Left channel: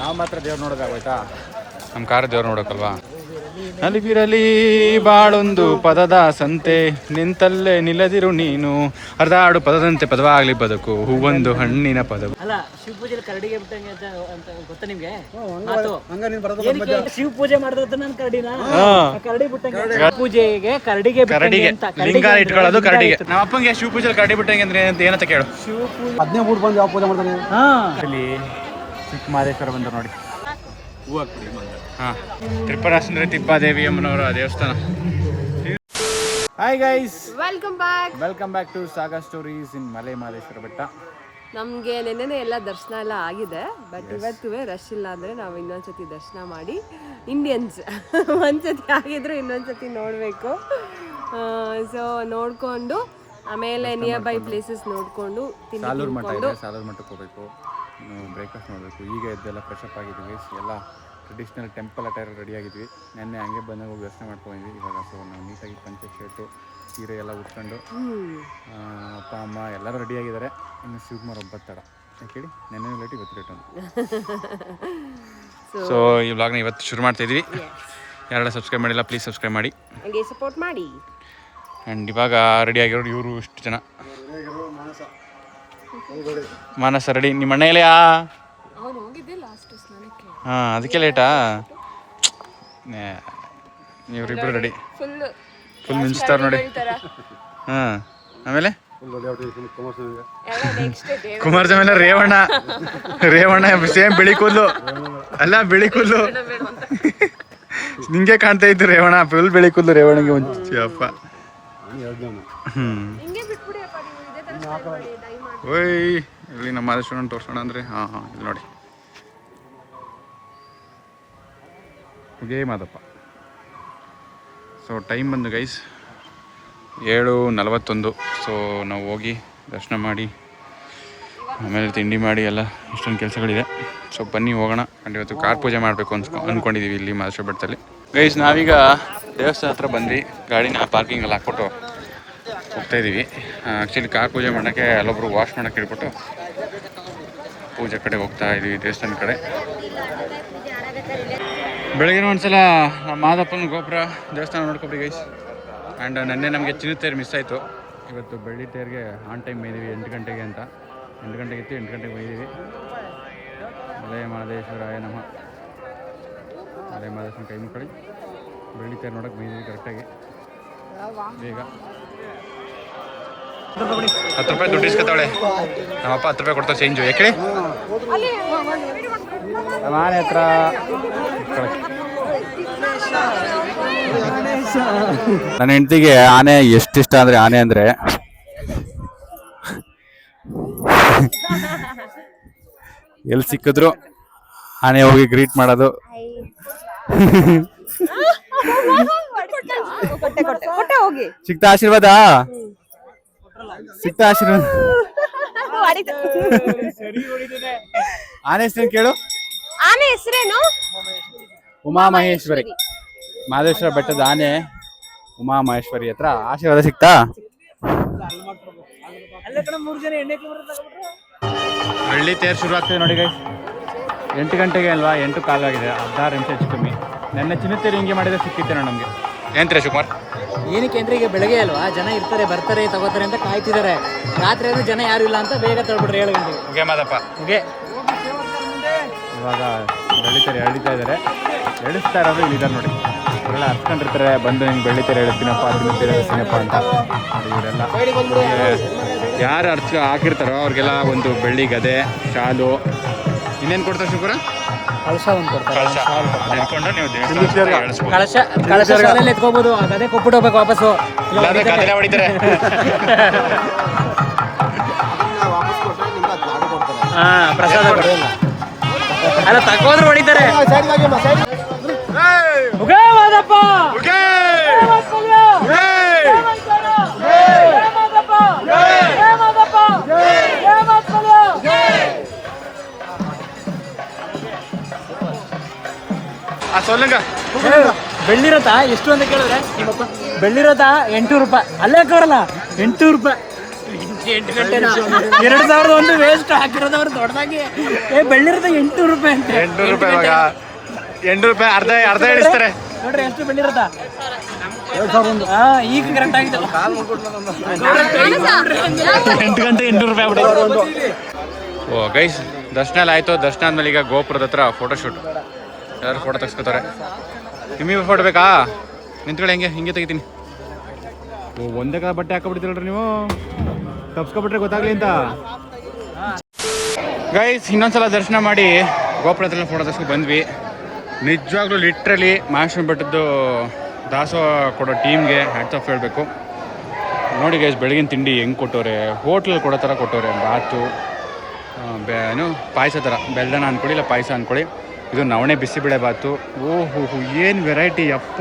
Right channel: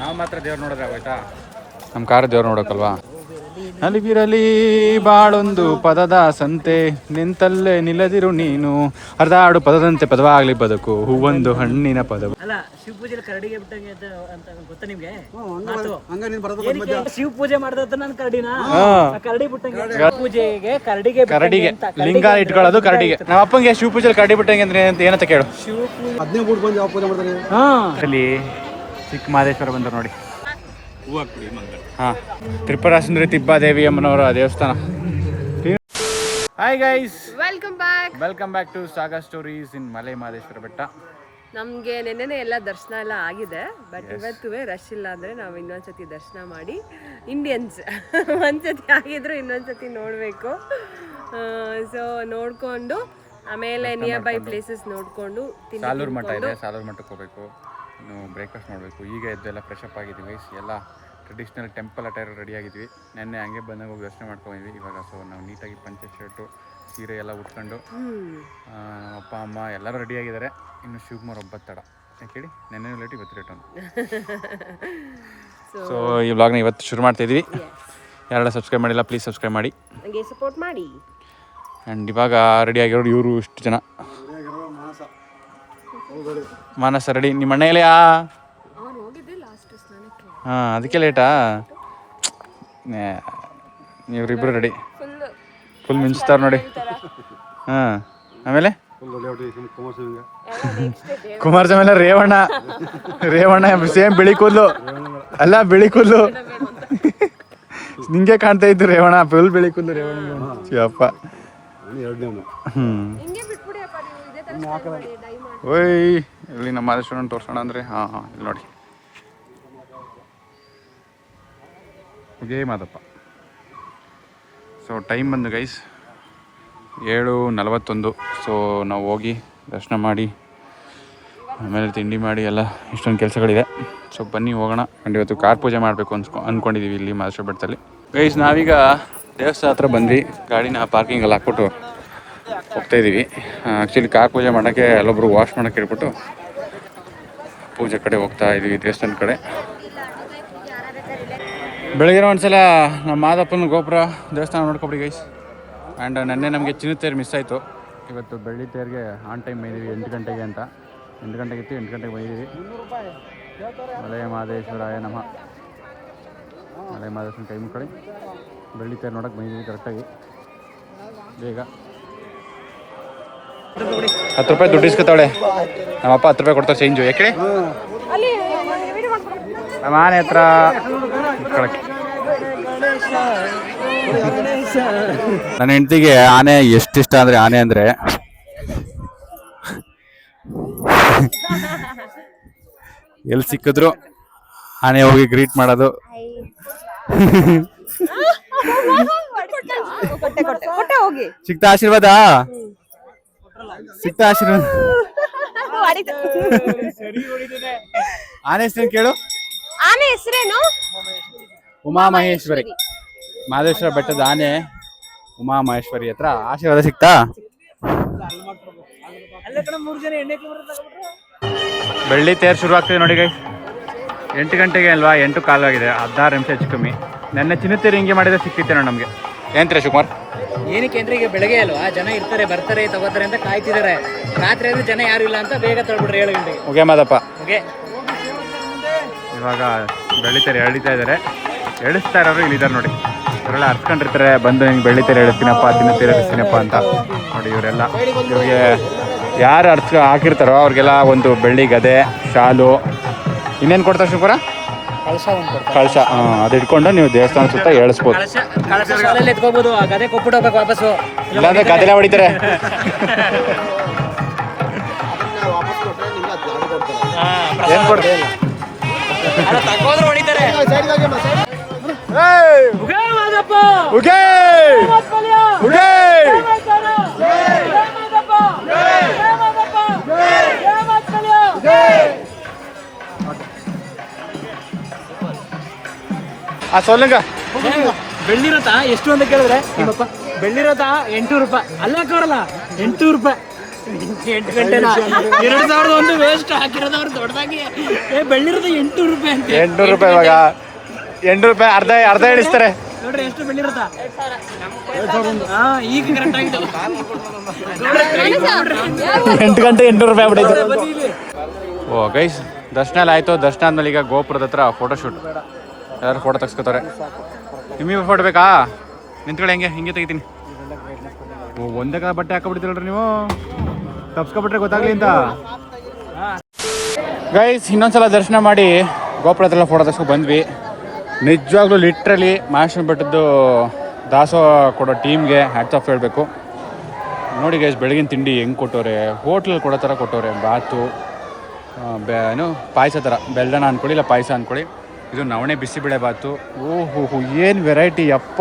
ನಾವು ಮಾತ್ರ ದೇವ್ರು ನೋಡಿದ್ರೆ ಆಗೋಯ್ತಾ? ನಮ್ಮ ಕಾರ್ ದೇವ್ರು ನೋಡೋಕಲ್ವಾ? ಅಲಿಬಿರಲಿ ಬಾಳೊಂದು ಪದದ ಸಂತೆ, ನಿಂತಲ್ಲೇ ನಿಲ್ಲದಿರು ನೀನು, ಅರ್ಧಾಡು ಪದದಂತೆ ಪದವಾಗ್ಲಿ ಬದುಕು, ಹೂವೊಂದು ಹಣ್ಣಿನ ಪದವು. ಶಿವ ಪೂಜೆ ಕರಡಿಗೆ ಬಿಟ್ಟಂಗೆ ಅಂತ ಗೊತ್ತಾ ನಿಮ್ಗೆ? ಶಿವ ಪೂಜೆ ಮಾಡಿದ ನನ್ನ ಕರಡಿನ ಕರಡಿ ಬಿಟ್ಟಂಗೆ ಪೂಜೆಗೆ ಕರಡಿಗೆ ಲಿಂಗ ಇಟ್ಕೊಳ್ಳೋದು ಕರಡಿಗೆ. ನಮ್ಮ ಅಪ್ಪಂಗೆ ಶಿವ ಪೂಜೆ ಕರಡಿ ಬಿಟ್ಟಂಗೆ ಅಂದ್ರೆ ಏನಂತ ಕೇಳು. ಶಿವ ಪೂಜೆ 15 ಬಂದು ಯಾವ ಪೂಜೆ ಮಾಡ್ತಾನೆ ಅಲ್ಲಿ ಚಿಕ್ಕ ಮಹದೇಶ್ವರ ಬಂದರು ನೋಡಿ. ಹಾಂ, ತ್ರಿಪುರ ಸುಂದರಿ ತಿಬ್ಬಾದೇವಿ ಅಮ್ಮನವರ ದೇವಸ್ಥಾನ. Hi guys, welcome back to Saga Stories in Male Mahadeshwara Betta. ನಮಗೆ ನೆನ್ನೆನೆ ಎಲ್ಲ ದರ್ಶನ ಎಲ್ಲ ಆಗಿದೆ, ಬಟ್ ಇವತ್ತು ರಶ್ ಇಲ್ಲ ಅಂದರೆ ನಾವು ಇನ್ನೊಂದ್ಸತಿ ದರ್ಶನ ಮಾಡಿ ಇಂಡಿಯನ್ಸ್ ಒಂದ್ಸತಿ ಆಗಿದ್ರು ಇನ್ನೊಂದ್ಸತಿ ನೋಡಬೇಕು. ಸೊ ನೋಡಿಕೊಂಡು ಆಮೇಲೆ ನಿಯರ್ ಬೈ ಪ್ಲೇಸಸ್ ನೋಡಿಕೊಂಡು ಸಾಲೂರು ಮಠ ಇದೆ, ಸಾಲೂರು ಮಠಕ್ಕೆ ಹೋಗಬೇಕು. ಇನ್ನು ಬ್ರೇಕ್ಫಾಸ್ಟ್ ಮಾಡಬೇಕು. ಈಗ ಎದ್ದೆಲ್ಲ ಫ್ರೆಶ್ ಅಪ್ ಆಗಿದ್ದೀವಿ, ಎಲ್ಲ ಟ್ರೆಡಿಷ್ನಲ್ ಟೆಂಪಲ್ ಅಟೈರ್ ರೆಡಿ ಆಗಿದ್ವಿ. ನೆನ್ನೆ ಹಂಗೆ ಬಂದಾಗ ಹೋಗಿ ದರ್ಶನ ಮಾಡ್ಕೊಂಡಿದ್ವಿ. ಇವಾಗ ಸೊ ನಾವು ನೀಟಾಗಿ ಪಂಚೆ ಶರ್ಟು ಸೀರೆ ಎಲ್ಲ ಉಟ್ಕೊಂಡು ನಮ್ಮ ಅಪ್ಪ ಅಮ್ಮ ಎಲ್ಲರೂ ರೆಡಿ ಆಗಿದ್ದಾರೆ. ಇನ್ನು ಶಿವಕುಮಾರ್ ಒಬ್ಬ ತಡ ಯಾಕೇಳಿ, ನೆನ್ನೆ ಲೇಟ್ ಇವತ್ತು ಲೇಟ್ ಅಂತ. ಸೊ ಈ ವ್ಲಾಗ್ನ ಇವತ್ತು ಶುರು ಮಾಡ್ತಾಯಿದ್ವಿ. ಯಾರೆಲ್ಲ ಸಬ್ಸ್ಕ್ರೈಬ್ ಮಾಡಿಲ್ಲ ಪ್ಲೀಸ್ ಸಬ್ಸ್ಕ್ರೈಬ್ ಮಾಡಿ, ಸಪೋರ್ಟ್ ಮಾಡಿ. ಆ್ಯಂಡ್ ಇವಾಗ ರೆಡಿ ಆಗಿರೋರು ಇವರು ಇಷ್ಟು ಜನ. ಮಾನಸ ರೆಡಿ. ನಿಮ್ಮ ಅಣ್ಣ ಇಲ್ಲಯಾ? ಹಾಂ, ಅದಕ್ಕೆ ಲೇಟಾ? ಇವರಿಬ್ಬರು ರೆಡಿ, ಫುಲ್ ಮಿಂಚ್ತಾರೆ ನೋಡಿ. ಹಾಂ, ಆಮೇಲೆ ಕುಮಾರಸ್ವಾಮಿ ರೇವಣ್ಣ ಸೇಮ್ ಬಿಳಿ ಕೂದಲು ಅಲ್ಲ, ಬಿಳಿ ಕೂದಲು ನಿಂಗೆ ಕಾಣ್ತಾ ಇತ್ತು. ರೇವಣ್ಣ ಫುಲ್ ಬಿಳಿ ಕೂದಲು, ರೇವಣ್ಣಗೆ ಮುಂಚೆ ಅಪ್ಪ. ಓಯ್, ಇಲ್ಲಿ ನಮ್ಮ ಮಾದೇಶ್ವರನ ತೋರಿಸೋಣ ಅಂದರೆ ಹಾಂ ಇಲ್ಲಿ ನೋಡಿ, ಮಾದಪ್ಪ. ಸೊ ಟೈಮ್ ಬಂದು ಗೈಸ್ 7:41. ಸೊ ನಾವು ಹೋಗಿ ದರ್ಶನ ಮಾಡಿ ಆಮೇಲೆ ತಿಂಡಿ ಮಾಡಿ ಎಲ್ಲ ಇಷ್ಟೊಂದು ಕೆಲಸಗಳಿದೆ. ಸೊ ಬನ್ನಿ ಹೋಗೋಣ. ಆ್ಯಂಡ್ ಇವತ್ತು ಕಾರ್ ಪೂಜೆ ಮಾಡಬೇಕು ಅಂದ್ಕೊಂಡಿದ್ದೀವಿ ಇಲ್ಲಿ ಮಹದೇಶ್ವರ ಬೆಟ್ಟದಲ್ಲಿ. ಗೈಸ್ ನಾವೀಗ ದೇವಸ್ಥಾನ ಹತ್ರ ಬಂದ್ವಿ, ಗಾಡಿನ ಪಾರ್ಕಿಂಗಲ್ಲಿ ಹಾಕ್ಬಿಟ್ಟು ಹೋಗ್ತಾಯಿದ್ದೀವಿ. ಆ್ಯಕ್ಚುಲಿ ಕಾರ್ ಪೂಜೆ ಮಾಡೋಕ್ಕೆ ಎಲ್ಲೊಬ್ರು ವಾಶ್ ಮಾಡೋಕ್ಕೆ ಹೇಳ್ಬಿಟ್ಟು ಪೂಜೆ ಕಡೆ ಹೋಗ್ತಾ ಇದ್ದೀವಿ, ದೇವಸ್ಥಾನ ಕಡೆ. ಬೆಳಗ್ಗೆ ಒಂದ್ಸಲ ನಮ್ಮ ಮಾದಪ್ಪನ ಗೋಪುರ ದೇವಸ್ಥಾನ ನೋಡ್ಕೊಬಿಡಿ ಗೈಸ್. ಆ್ಯಂಡ್ ನೆನ್ನೆ ನಮಗೆ ಚಿನ್ನದ ತೇರು ಮಿಸ್ ಆಯಿತು. ಇವತ್ತು ಬೆಳ್ಳಿ ತೇರಿಗೆ ಆನ್ ಟೈಮ್ ಬೈದೀವಿ 8 ಗಂಟೆಗೆ ಅಂತ. 8 ಗಂಟೆಗೆ ಇತ್ತು, 8 ಗಂಟೆಗೆ ಬೈದೀವಿ. ಮಲೆ ಮಹದೇಶ್ವರಾಯ ನಮಃ. ಮಲೆ ಮಹದೇಶ್ವರನ ಕೈ ಮುಕ್ಕಳಿ ಬೆಳ್ಳಿ ತೇರು ನೋಡೋಕೆ ಬೈದೀವಿ ಕರೆಕ್ಟಾಗಿ. ಬೇಗ 10 ರೂಪಾಯಿ ದುಡ್ಡು ಇಸ್ಕೊತಾಳೆ ನಮ್ಮಪ್ಪ. 10 ರೂಪಾಯಿ ಕೊಡ್ತಾರೆ ಚೇಂಜು. ಯಾಕೆ ನಮ್ಮ ಆನೆ ಹತ್ರ ನನ್ನ ಹೆಂಡತಿಗೆ ಆನೆ ಎಷ್ಟಿಷ್ಟ ಅಂದರೆ, ಆನೆ ಅಂದರೆ ಎಲ್ಲಿ ಸಿಕ್ಕಿದ್ರು ಆನೆ ಹೋಗಿ ಗ್ರೀಟ್ ಮಾಡೋದು. ಸಿಕ್ತಾ ಆಶೀರ್ವಾದ, ಸಿಕ್ತಾ ಆಶೀರ್ವಾದ. ಆನೆ ಹೆಸರೇನು ಕೇಳು? ಆನೆ ಹೆಸರೇನು? ಉಮಾ ಮಹೇಶ್ವರಿ. ಮಹದೇಶ್ವರ ಬೆಟ್ಟದ ಆನೆ ಉಮಾ ಮಹೇಶ್ವರಿ ಹತ್ರ ಆಶೀರ್ವಾದ ಸಿಕ್ತಾ? ಬೆಳ್ಳಿ ತೇರು ಶುರು ಆಗ್ತದೆ ನೋಡಿ ಗೈ. 8 ಗಂಟೆಗೆ ಅಲ್ವಾ, 8 ಕಾಲು ಆಗಿದೆ, 16 ನಿಮಿಷ ಹೆಚ್ಚು ಕಮ್ಮಿ. ನೆನ್ನೆ ಚಿನ್ನದ ತೇರು ಹಿಂಗೆ ಮಾಡಿದ್ರೆ ಸಿಕ್ಕಿತ್ತೇನೋ ನಮಗೆ. ಏನಂತೀರ ಶಿವಕುಮಾರ್? ಏನಕ್ಕೆ ಅಂದ್ರೆ ಈಗ ಬೆಳಗ್ಗೆ ಅಲ್ವಾ, ಜನ ಇರ್ತಾರೆ, ಬರ್ತಾರೆ, ತಗೋತಾರೆ ಅಂತ ಕಾಯ್ತಿದ್ದಾರೆ. ರಾತ್ರಿ ಆದ್ರೂ ಜನ ಯಾರು ಇಲ್ಲ ಅಂತ ಬೇಗ ತಳ್ಬಿಡ್ರಿ 7 ಗಂಟೆಗೆ. ಓಕೆ ಮಾದಪ್ಪ. ಓಕೆ, ಇವಾಗ ಬೆಳ್ಳಿತೇರು ಎಳಿತಾ ಇದ್ದಾರೆ. ಎಳಿಸ್ತಾ ಇರೋರು ಇಲ್ಲಿದ್ದಾರೆ ನೋಡಿ. ಇವರೆಲ್ಲ ಹರ್ಸ್ಕೊಂಡಿರ್ತಾರೆ, ಬಂದು ಹಿಂಗೆ ಬೆಳ್ಳಿತೇರು ಎಳಿಸ್ತೀನಪ್ಪ, ಚಿನ್ನದ ಎಳಿಸ್ತೀನಪ್ಪ ಅಂತ ನೋಡಿ. ಇವರೆಲ್ಲ ಇವ್ರಿಗೆ ಯಾರು ಹಾಕಿರ್ತಾರೋ ಅವ್ರಿಗೆಲ್ಲ ಒಂದು ಬೆಳ್ಳಿ ಗದೆ, ಶಾಲು, ಇನ್ನೇನು ಕೊಡ್ತಾರೆ ಶಿವಪುರ? ಕಳಶ. ಅದು ಇಟ್ಕೊಂಡು ನೀವು ದೇವಸ್ಥಾನ ಸುತ್ತ ಎಳಿಸ್ಬೋದು. ಎತ್ಕೋಬಹುದು, ಗದೆ ಕೊಟ್ಬಿಟ್ಟು ಹೋಗ್ಬೇಕು ವಾಪಸ್ಸು, ಇಲ್ಲಾಂದ್ರೆ ಗದೆಲ್ಲ ಹೊಡಿತಾರೆ. ತಗೋದ್ರೆ ಹೊಡಿತಾರೆ. சொல்லுங்க. ಬೆಳ್ಳಿ ರಥ ಎಷ್ಟು ಅಂತ ಕೇಳಿದ್ರೆ ಬೆಳ್ಳಿ ರಥ 800 ರೂಪಾಯಿ. ಅಲ್ಲೇ ಬರಲ್ಲ 800 ರೂಪಾಯಿ. 8 ಗಂಟೆನಾ 2001 ವೇಸ್ಟ್ ಹಾಕಿರೋದು ಅವ್ರು ದೊಡ್ಡದಾಗಿ ಬೆಳ್ಳಿರೋದು 800 ರೂಪಾಯಿ ಅಂತ 800 ರೂಪಾಯಿ ಇವಾಗ 800 ರೂಪಾಯಿ ಅರ್ಧ ಇಳಿಸ್ತಾರೆ ನೋಡ್ರಿ ಎಷ್ಟು ಬೆಳ್ಳಿರುತ್ತಾ ಈಗ ಕರೆಕ್ಟ್ ಆಗಿದೆ 8 ಗಂಟೆ 800 ರೂಪಾಯಿ ಬಿಟ್ಟಿದ್ರು. ಓ ಗೈಸ್ ದರ್ಶನ ಎಲ್ಲ ಆಯಿತು. ದರ್ಶನ ಆದ್ಮೇಲೆ ಈಗ ಗೋಪುರದ ಹತ್ರ ಫೋಟೋಶೂಟ್. ಯಾರು ಫೋಟೋ ತೆಗ್ಸ್ಕೊತಾರೆ. ನಿಮಗೆ ಫೋಟೋ ಬೇಕಾ? ನಿಂತ್ಕೊಳ್ಳಿ ಹಿಂಗೆ ತೆಗಿತೀನಿ. ಓ ಒಂದೇ ಕಾಲ ಬಟ್ಟೆ ಹಾಕೊಬಿಡ್ತೀರಲ್ರಿ ನೀವು, ತಪ್ಸ್ಕೊಬಿಟ್ರೆ ಗೊತ್ತಾಗ್ಲಿ ಅಂತ. ಗೈಸ್ ಇನ್ನೊಂದ್ಸಲ ದರ್ಶನ ಮಾಡಿ ಗೋಪುರದ ಹತ್ರ ಫೋಟೋ ತೆಗ್ಸ್ಕೊ ಬಂದ್ವಿ. ನಿಜವಾಗ್ಲೂ ಲಿಟ್ರಲಿ ಮಹಾರಾಷ್ಟ್ರ ಬೆಟ್ಟದ್ದು ದಾಸೋಹ ಕೊಡೋ ಟೀಮ್ಗೆ ಹ್ಯಾಟ್ಸ್ ಆಫ್ ಹೇಳಬೇಕು. ನೋಡಿ ಗೈಸ್ ಬೆಳಗಿನ ತಿಂಡಿ ಹೆಂಗೆ ಕೊಟ್ಟವ್ರೆ, ಹೋಟ್ಲಲ್ಲಿ ಕೊಡೋ ಥರ ಕೊಟ್ಟವ್ರೆ. ಬಾತು ಏನು ಪಾಯಸ ಥರ, ಬೆಲ್ಲನ ಅಂದ್ಕೊಳ್ಳಿ ಇಲ್ಲ ಪಾಯಸ ಅಂದ್ಕೊಳ್ಳಿ. ಇದು ನವಣೆ ಬಿಸಿಬೇಳೆ ಬಾತು. ಓಹೋ ಏನು ವೆರೈಟಿ ಅಪ್ಪ.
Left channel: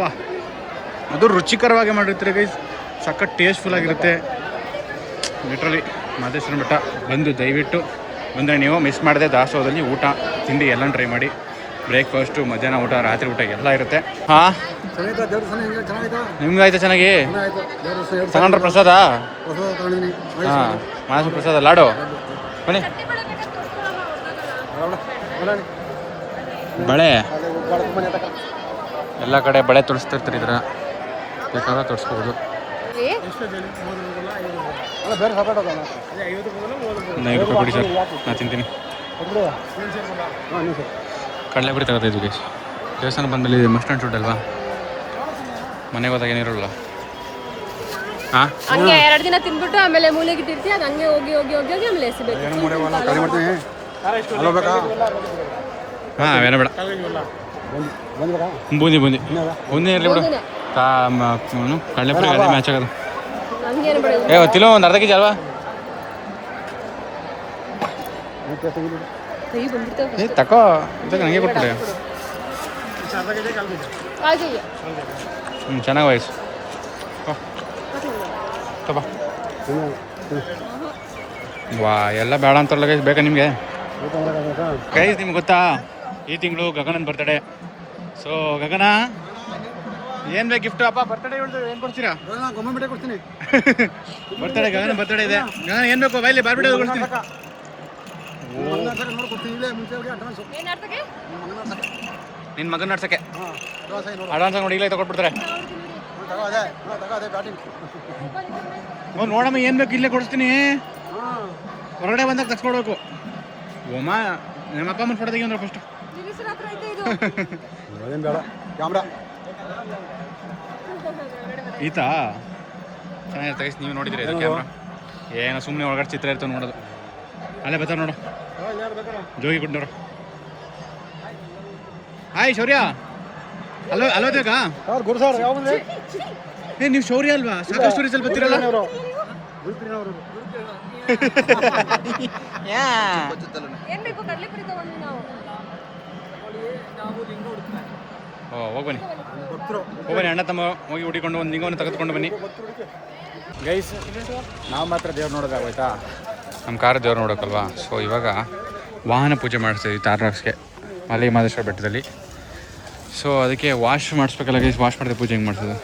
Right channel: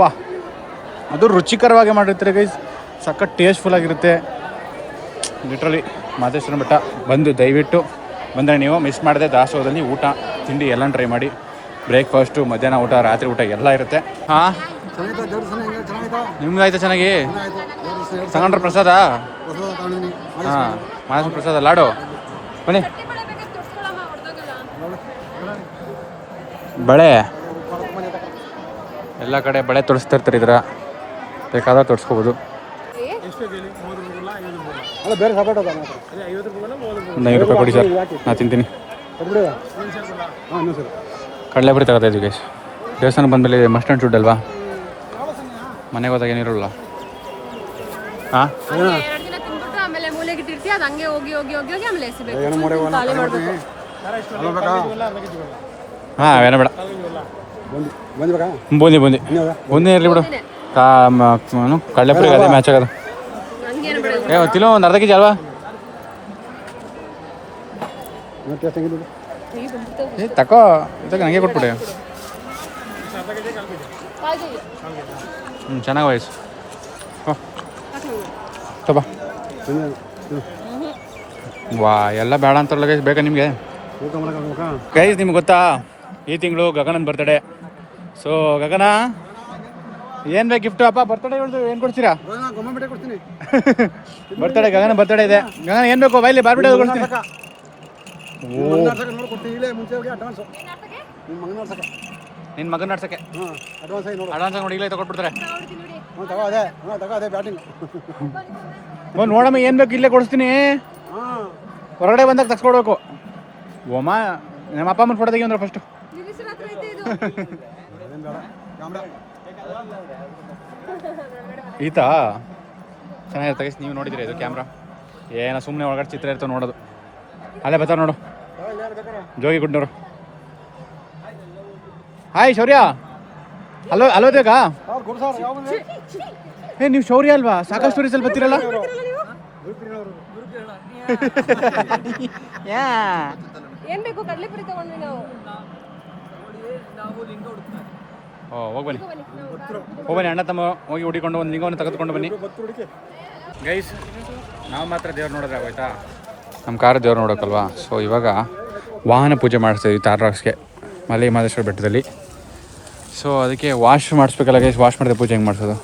ಅದು ರುಚಿಕರವಾಗಿ ಮಾಡಿರ್ತಾರೆ ಗೈಸ್, ಸಖತ್ ಟೇಸ್ಟ್ಫುಲ್ಲಾಗಿರುತ್ತೆ. ಲಿಟ್ರಲಿ ಮಹದೇಶ್ವರ ಬೆಟ್ಟ ಬಂದು ದಯವಿಟ್ಟು ಬಂದರೆ ನೀವು ಮಿಸ್ ಮಾಡದೆ ದಾಸೋಹದಲ್ಲಿ ಊಟ ತಿಂಡಿ ಎಲ್ಲ ಟ್ರೈ ಮಾಡಿ. ಬ್ರೇಕ್ಫಾಸ್ಟು, ಮಧ್ಯಾಹ್ನ ಊಟ, ರಾತ್ರಿ ಊಟ ಎಲ್ಲ ಇರುತ್ತೆ. ಹಾಂ ನಿಮ್ಗೆ ಆಯ್ತಾ ಚೆನ್ನಾಗಿ? ತಗೊಂಡ್ರೆ ಪ್ರಸಾದ? ಹಾಂ ಮಹದೇಶ್ವರ ಪ್ರಸಾದ ಲಾಡು ಬನ್ನಿ. ಬಳೆ ಎಲ್ಲ ಕಡೆ ಬಳೆ ತೋರಿಸ್ತಿರ್ತಾರೆ. ಇದ್ರ ಬೇಕಾದಾಗ ತೋರಿಸ್ಕೋಬೋದು. 9 ರೂಪಾಯಿ ಕೊಡಿ ಸರ್, ನಾನು ತಿಂತೀನಿ. ಕಡಲೆಪುರಿ ತಗೋತಾ ಇದ್ದೀವಿ. ದೇವಸ್ಥಾನ ಬಂದಮೇಲೆ ಮಸ್ಟ್ ಆ್ಯಂಡ್ ಶುಡ್ ಅಲ್ವಾ, ಮನೆಗೆ ಹೋದಾಗ ಏನಿರೋಲ್ಲ. ಹಾಂ 2 ದಿನ ತಿನ್ಬಿಟ್ಟು ಆಮೇಲೆ ಮೂಲೆಗೆ ಇಟ್ಟಿರ್ತೀವಿ, ಅದು ಹಂಗೆ ಹೋಗಿ ಆಮೇಲೆ ಎಸಿಬೇಕು. ಹಾಂ ಏನೋ ಬೇಡ, ಬೂಂದಿ ಇರಲಿ ಬಿಡು. ಕಡಲೆಪುರಿ ಅದೇ ಮ್ಯಾಚ್ ಆಗೋದು. ತಿನ್ನೋ ಒಂದು ಅರ್ಧ ಕೆಜಿ ಅಲ್ವಾ? ತಕೋ ನನಗೆ ಕೊಟ್ಬಿಟ್ಟೆ. ಚೆನ್ನಾಗಿ ವಯಸ್ಸು ವಾ ಎಲ್ಲ ಬೇಡ ಅಂತಾರಲ್ಲ ಗೈಸ್. ಬೇಕಾ ನಿಮಗೆ ಗೈಸ್? ನಿಮ್ಗೆ ಗೊತ್ತಾ ಈ ತಿಂಗಳು ಗಗನನ್ ಬರ್ತಡೇ. ಸೊ ಗಗನ ಏನು ಬೇಕು ಗಿಫ್ಟು? ಅಪ್ಪ ಬರ್ತಡೇ ಏನು ಕೊಡ್ತೀರಾ? ಕೊಡ್ತೀನಿ. ಬರ್ತಡೇ ಗಗನ ಬರ್ತಡೇ ಇದೆ. ಗಗನ ಏನು ಬೇಕು ಬೈಲಿ ಬಾರ್ಬಿಡೋ ಕೊಡ್ತೀನಿ. ನಿನ್ನ ಮಗನ ನಡ್ಸಕ್ಕೆ ಅಡ್ವಾನ್ಸ್ ನೋಡಿ ಇಲ್ಲ ತಗೊಟ್ಬಿಡ್ತಾರೆ. ನೋಡಮ್ಮ ಏನು ಬೇಕು ಇಲ್ಲೇ ಕೊಡಿಸ್ತೀನಿ. ಹೊರಗಡೆ ಬಂದಾಗ ತಗ್ಸ್ಕೊಡ್ಬೇಕು. ಓಮ ನಮ್ಮ ಅಪ್ಪ ಅಮ್ಮನ ಫೋಟೋ ತೆಗಿ ಅಂದ್ರೆ ಫಸ್ಟು. ಈತ ಚೆನ್ನಾಗಿ ತೆಗಿಸಿ. ನೀವು ನೋಡಿದಿರಿ ಇದು ಕ್ಯಾಮ್ರಾ? ಏನೋ ಸುಮ್ಮನೆ ಒಳಗಡೆ ಚಿತ್ರ ಇರ್ತವೆ ನೋಡೋದು. ಅಲ್ಲೇ ಬರ್ತಾರೆ ನೋಡು, ಜೋಗಿ ಗುಡ್ನವರು. ಹಾಯ್ ಶೌರ್ಯ. ಅಲ್ಲೋ ಬೇಕಾ? ನೀವು ಶೌರ್ಯ ಅಲ್ವಾ? ಸಾಕಷ್ಟು ಸ್ಟೋರೀಸ್ ಅಲ್ಲಿ ಬರ್ತೀರಲ್ಲ. ಹೋಗ್ಬನ್ನಿ ಅಣ್ಣ ತಮ್ಮ ಹೋಗಿ ಹುಡಿಕೊಂಡು ಒಂದು ಲಿಂಗವನ್ನು ತೆಗೆದುಕೊಂಡು ಬನ್ನಿ. ಗೈಸ್ ನಾವು ಮಾತ್ರ ದೇವ್ರು ನೋಡೋದು ಆಗೋಯ್ತಾ? ನಮ್ಮ ಕಾರ್ ದೇವ್ರು ನೋಡೋಕ್ಕಲ್ವಾ. ಸೊ ಇವಾಗ ವಾಹನ ಪೂಜೆ ಮಾಡಿಸ್ತೀವಿ ತಾರ್ರಾಕ್ಸ್ಗೆ ಮಲೆ ಮಹದೇಶ್ವರ ಬೆಟ್ಟದಲ್ಲಿ. ಸೊ ಅದಕ್ಕೆ ವಾಶ್ ಮಾಡಿಸ್ಬೇಕಲ್ಲ ಗೈಸ್. ವಾಶ್ ಮಾಡಿದೆ ಪೂಜೆ ಹೆಂಗೆ ಮಾಡಿಸೋದು?